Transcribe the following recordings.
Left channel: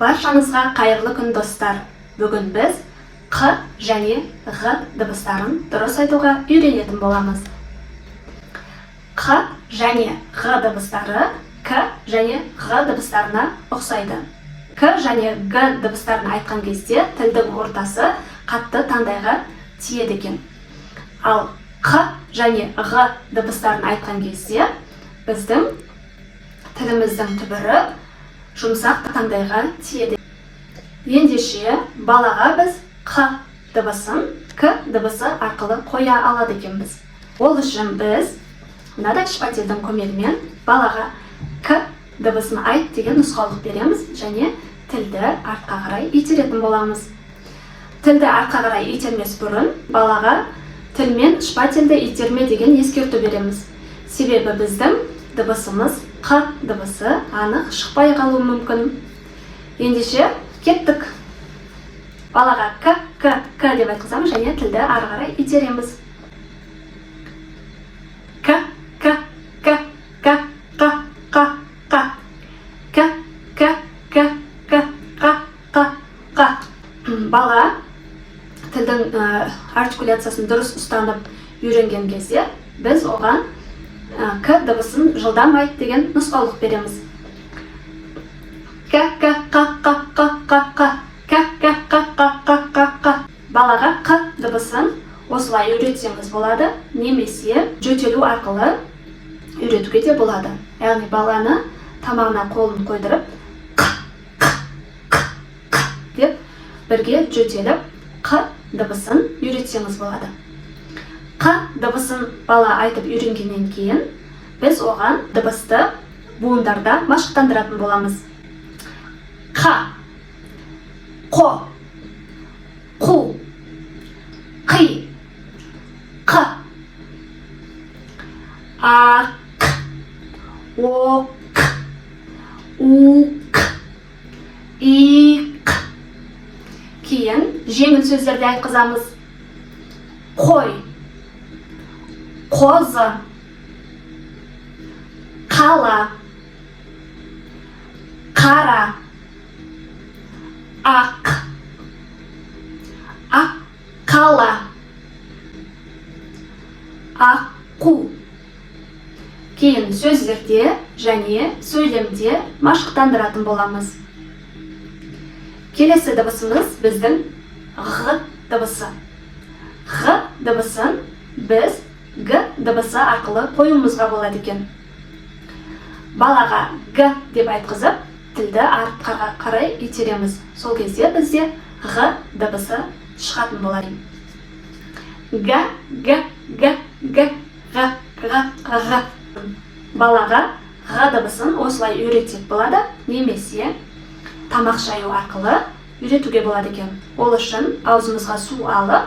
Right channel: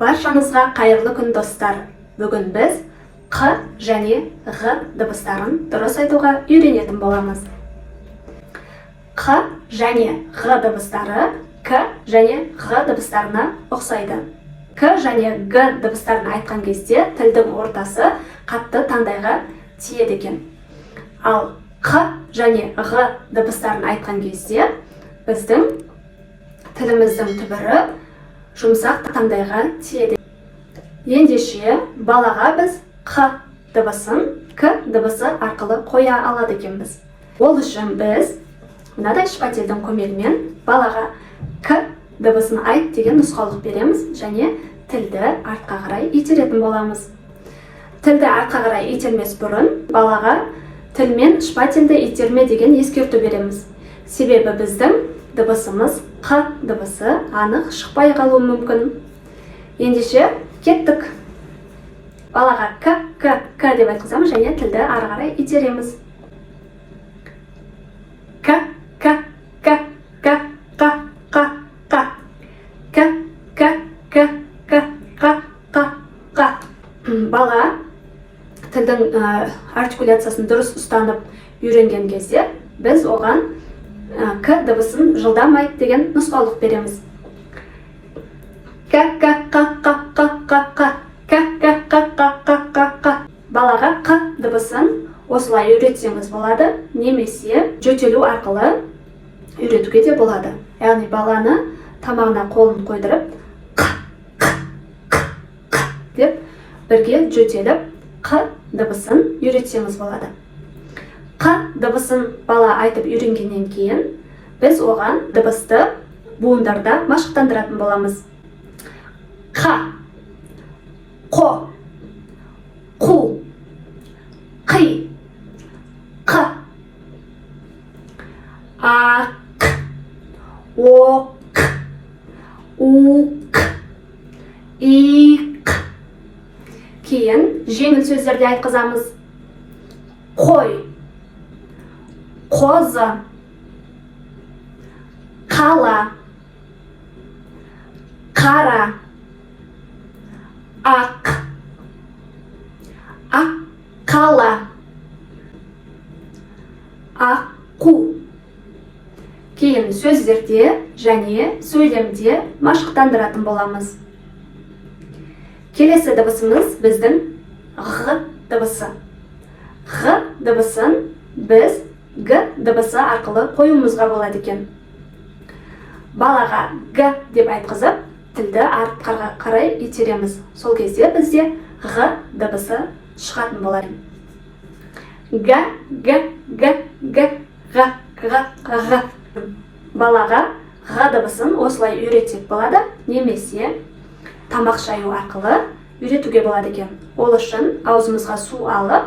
Баршаңызға қайырлы күн достар. Бүгін біз Қ және Ғ дыбыстарын дұрыс айтуға үйренетін боламыз. Қ және Ғ дыбыстары К және Ғ дыбыстарына ұқсайды. К және Г дыбыстарын айтқан кезде тілдің ортасы қатты таңдайға тиеді екен. Ал Қ және Ғ дыбыстарын айтқан кезде біздің тіліміздің түбірі жұмсақ таңдайға тиеді. Ендеше балаға біз Қ дыбысын К дыбысы арқылы қоя алады екенбіз. Ол үшін біз мынадай шпательдің көмегімен балаға К дыбысын айт деген нұсқаулық береміз және тілді артқа қарай итеретін боламыз. Тілді артқа қарай итермес бұрын балаға тілмен шпательді итерме деген ескерту береміз. Себебі біздің дыбысымыз Қ дыбысы анық шықпай қалуы мүмкін. Ендеше кеттік. Балаға К деп айтқызамыз және тілді ары қарай итереміз. К. Бала тілдің артикуляциясын дұрыс ұстанып үйренген кезде біз оған К дыбысын жылдам айт деген нұсқаулық береміз. Балаға Қ дыбысын осылай үйретсеңіз болады, немесе жөтелу арқылы үйретуге де болады. Яғни баланы тамағына қолын қойдырып деп бірге жөтеліп Қ дыбысын үйретсеңіз болады. Қ дыбысын бала айтып үйренгеннен кейін біз оған дыбысты буындарда машықтандыратын боламыз. Қ, Қо, Қу, Қи, Қ, Ақ, Оқ, Уқ, Иқ. Кейін жеңіл сөздерді айтқызамыз. Қой, қозы, қала, қара, ақ, аққала, аққу. Кейін сөздерде және сөйлемде машықтандыратын боламыз. Келесі дыбысымыз біздің Ғ дыбысы. Ғ дыбысын біз Г дыбысы арқылы қоюымызға болады екен. Балаға Г деп айтқызып, тілді артқа қарай итереміз. Сол кезде бізде Ғ дыбысы шығатын болады. Г. Балаға Ғ дыбысын осылай үйретсек болады, немесе тамақ шаю арқылы үйретуге болады екен. Ол үшін аузымызға су алып,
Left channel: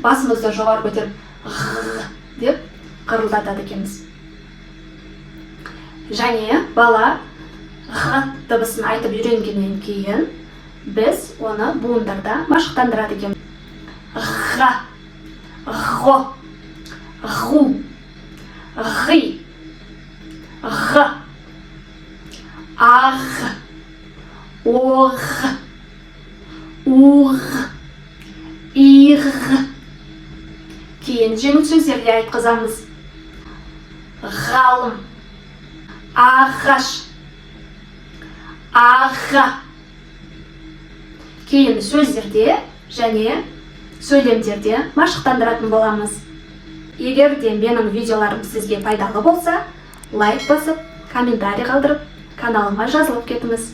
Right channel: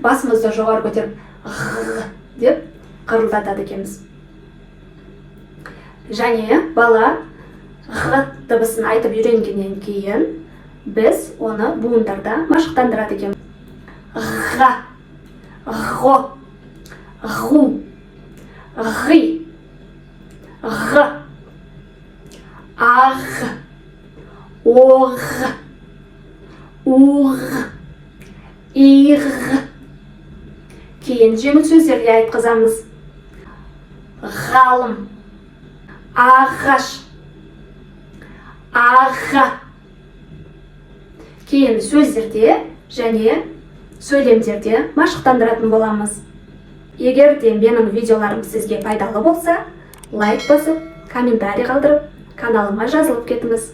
басымызды жоғары көтеріп Ғ деп қырылдатады екенбіз. Және бала Ғ дыбысын айтып үйренгеннен кейін біз оны буындарда машықтандырады екен. Ға, Ғо, Ғу, Ғи, Ғ, Ақ, Оқ, Уқ, Иқ. Кейін жеңіл сөздерді айтқызамыз. Ғалым, ағаш, аға. Кейін сөздерде және сөйлемдерде машықтандыратын боламыз. Егер де менің видеоларым сізге пайдалы болса, лайк басып, комментарий қалдырып, каналыма жазылып кетіңіз.